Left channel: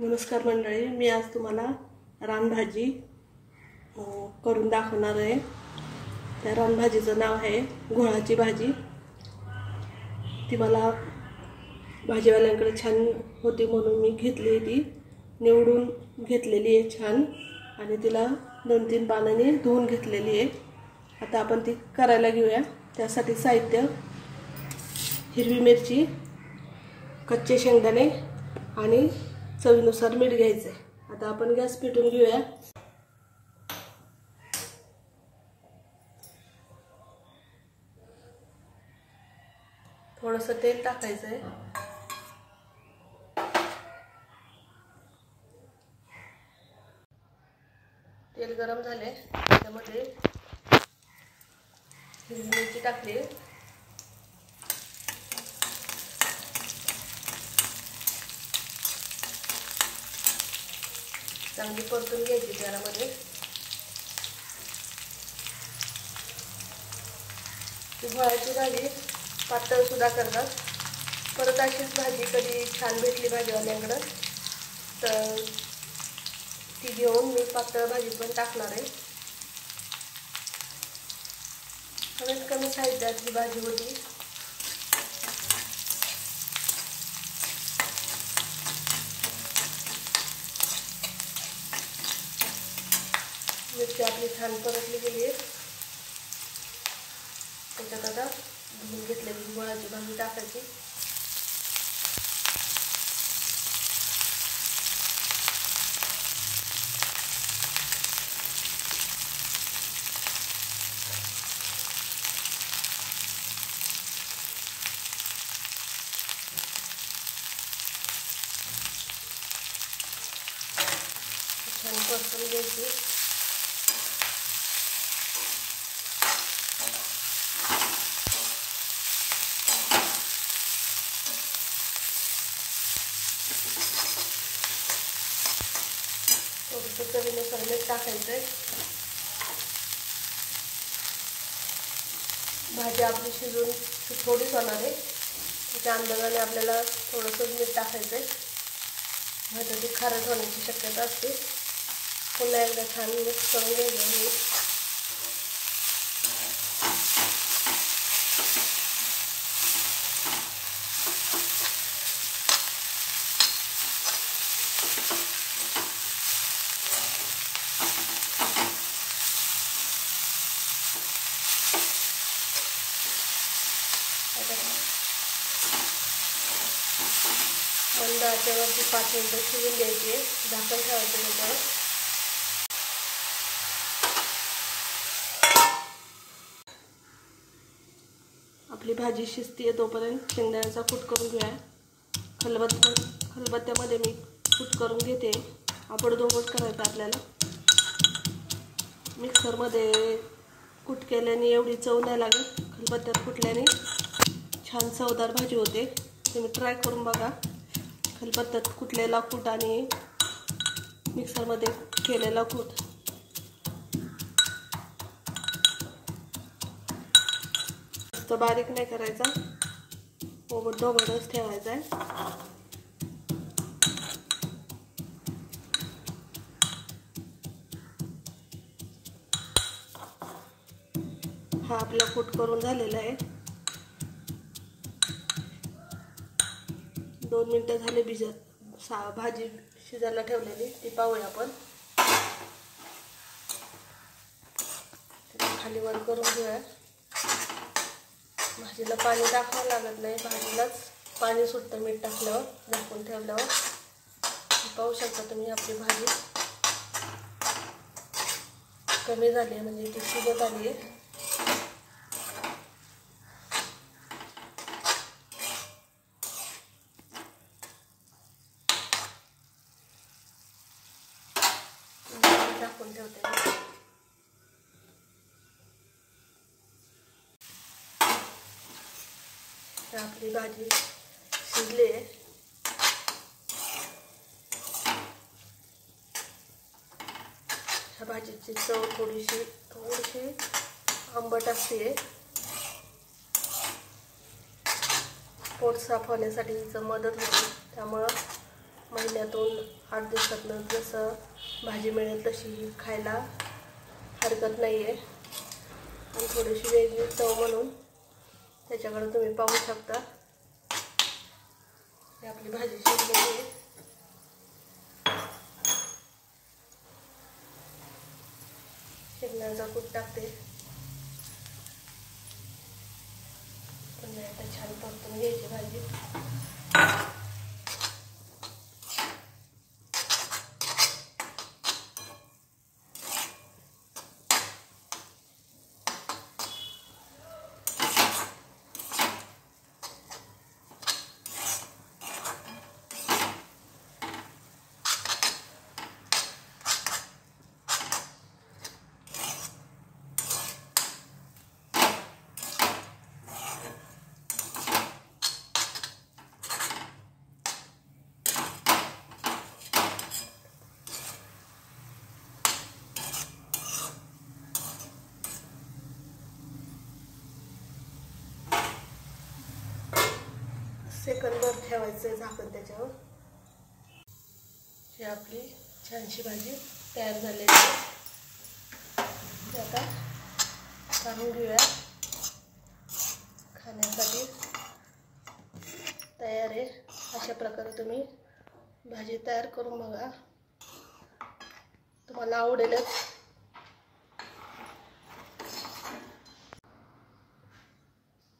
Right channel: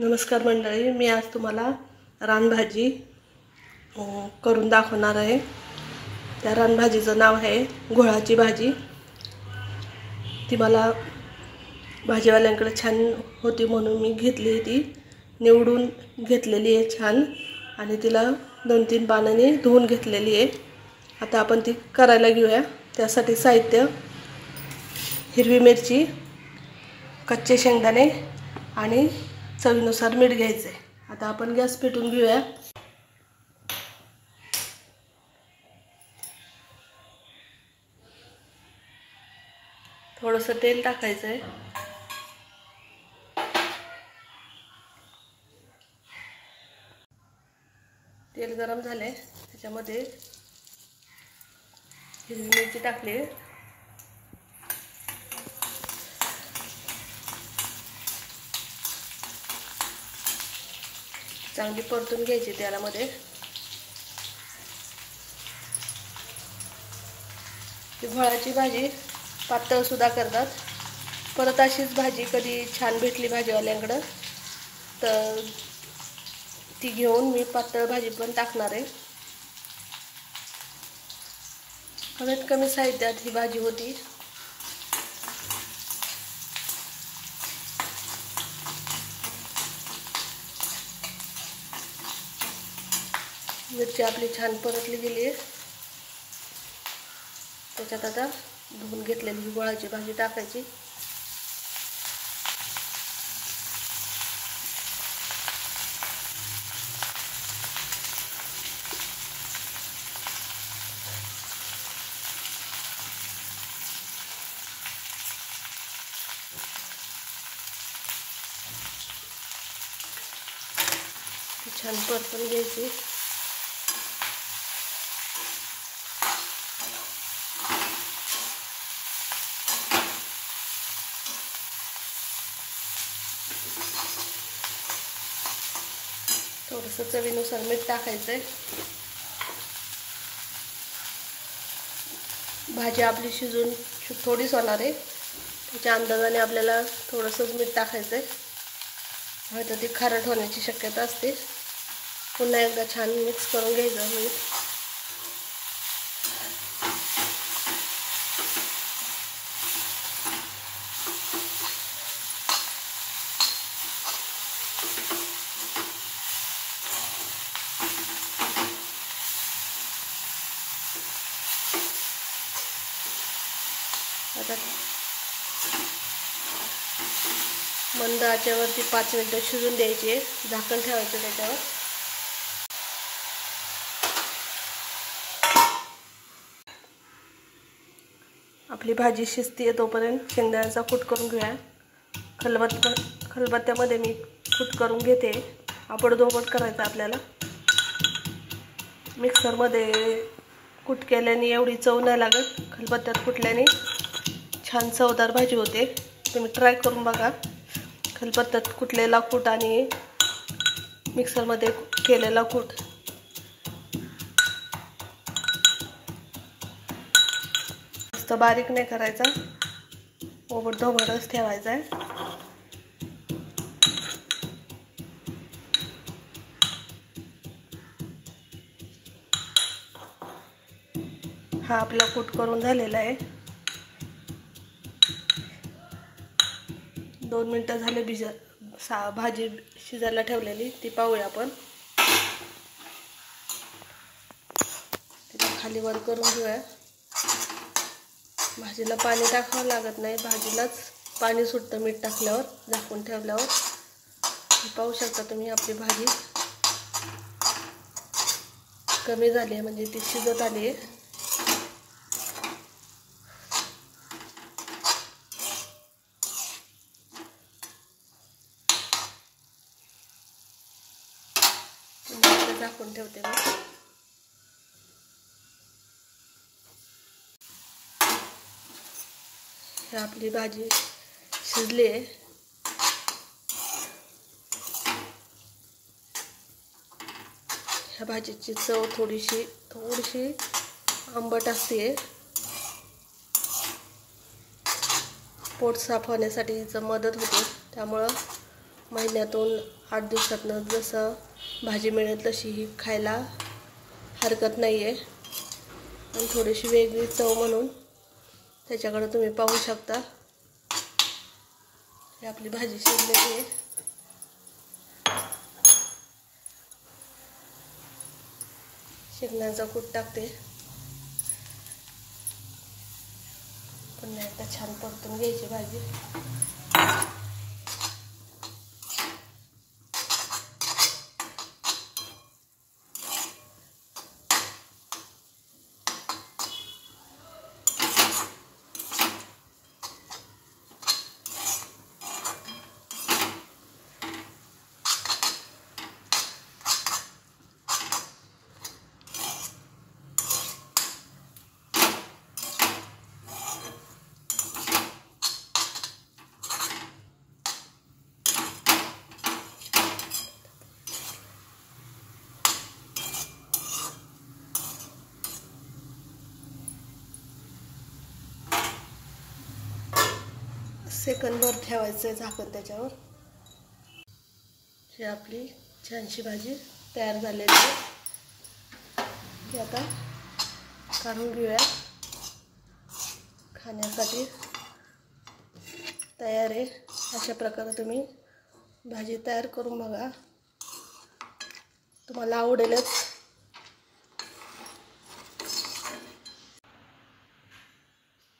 नमस्कार मंडळी, मी आज तुम्हाला रानभाजी करून दाखवणार आहे। त्या रानभाजीचं नाव आहे घोळाची भाजी। ती मला भाजीवाल्यांकडे छान होती म्हणून मी घेतली, ती निवडून घेतलेली आहे छान आणि तिला 2-3 पाण्याने धुवून घेतलेली आहे। आता आपण ती करायला घेऊया। त्यासाठी साहित्य: हिरवी मिरची, कच्चे शेंगदाणे आणि चवीनुसार मीठ घ्यायचे। आता आपण गॅस पेटवून घेऊया। थोडंसं तेल टाकायचं आहे। तेल गरम झाले, त्यामध्ये हिरवी मिरची टाकली, चांगली परतून घ्यायची तेलामध्ये। घोळाची भाजी पातळ सुद्धा करतात। परत अशीच भाजी कधी छान भेटली भाजीवाल्यांकडे तर ती घेऊन मी पातळ भाजी पण टाकणार आहे। कमीत कमी साहित्यात ही भाजी होती। मिरची आपली छान परतली गेली आहे। त्याच्यात आता धुवून घेतलेली घोळाची भाजी टाकायची। छान परतून घ्यायची। थोडंसं चवीनुसार मीठ टाकायचं आहे। भाजी आपली शिजून थोडीच होणार आहे, त्याच्या अंदाजाने आपल्याला थोडंसं मीठ टाकायचं आहे, नाहीतर ती खारट होण्याची शक्यता असते। पुन्हा एकदा छान मिक्स करून घ्यायचं मीठ। मंद आचेवरती 5 मिनिटं शिजून द्यायची, झाकण ठेवायचं त्याच्यावर। आपली भाजी शिजते तोपर्यंत शेंगदाण्याचा कूट करून घेऊया। खलबत्त्यामध्ये मी कूट करून घेते। आपडधोबड करायचं आपल्याला। मिक्सरमध्ये कूट केल्याने एवढी चव नाही लागत, खलबत्त्यात कुटल्याने छान चवदार भाजी होते। तुम्ही ट्राय करून बघा। खलबत्त्यात कुटलेला कूट आणि मिक्सरमध्ये केलेला कूट जास्त बारीक नाही करायचा, ओबडधोबडच ठेवायचा आहे। हा आपला कूट करून झालेला आहे। 2 मिनिटं झाले भाजी शिजायला ठेवलेली, ती पाहूया आपण। खाली वर करून घेऊया। भाजीला पाणी टाकावं लागत नाही, भाजीलाच पाणी सुटतं मीठ टाकल्यावर, झाकून ठेवल्यावर। पाहू शकता तुम्ही आपली भाजी कमी झाली आहे, म्हणजे ती शिजत आली आहे। झाकून ठेवते मी। आपली भाजी शिजली आहे। ह्या भाजीची चव थोडीशी आंबट असते। पोट साफ होण्यासाठी हिचं मदत होते, त्यामुळे महिन्यातून 8 दिवसातनं जसं भाजी मिळेल तशी ही खायला हरकत नाही आहे. आणि थोडीशी वेगळी चव म्हणून त्याच्याकडे तुम्ही पाहू शकता. ही आपली भाजी शिजलेली आहे. शेंगदाण्याचा कूट टाकते. पुन्हा एकदा छान परतून घ्यायची भाजी. सेकंदभर ठेवायचं झाकण त्याच्यावर. ही आपली छानशी भाजी तयार झालेली आहे. ती आता काढून घेऊया. खाण्यासाठी तयार आहे. अशा प्रकारे तुम्ही भाजी तयार करून बघा, तुम्हाला आवडेलच.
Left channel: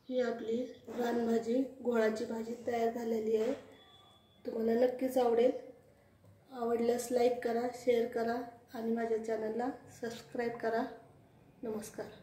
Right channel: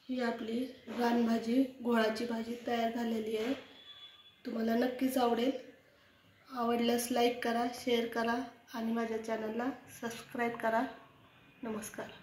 ही आपली रानभाजी, घोळाची भाजी तयार झालेली आहे. तुम्हाला नक्कीच आवडेल. आवडल्यास लाईक करा, शेअर करा आणि माझ्या चॅनलला सबस्क्राईब करा. नमस्कार.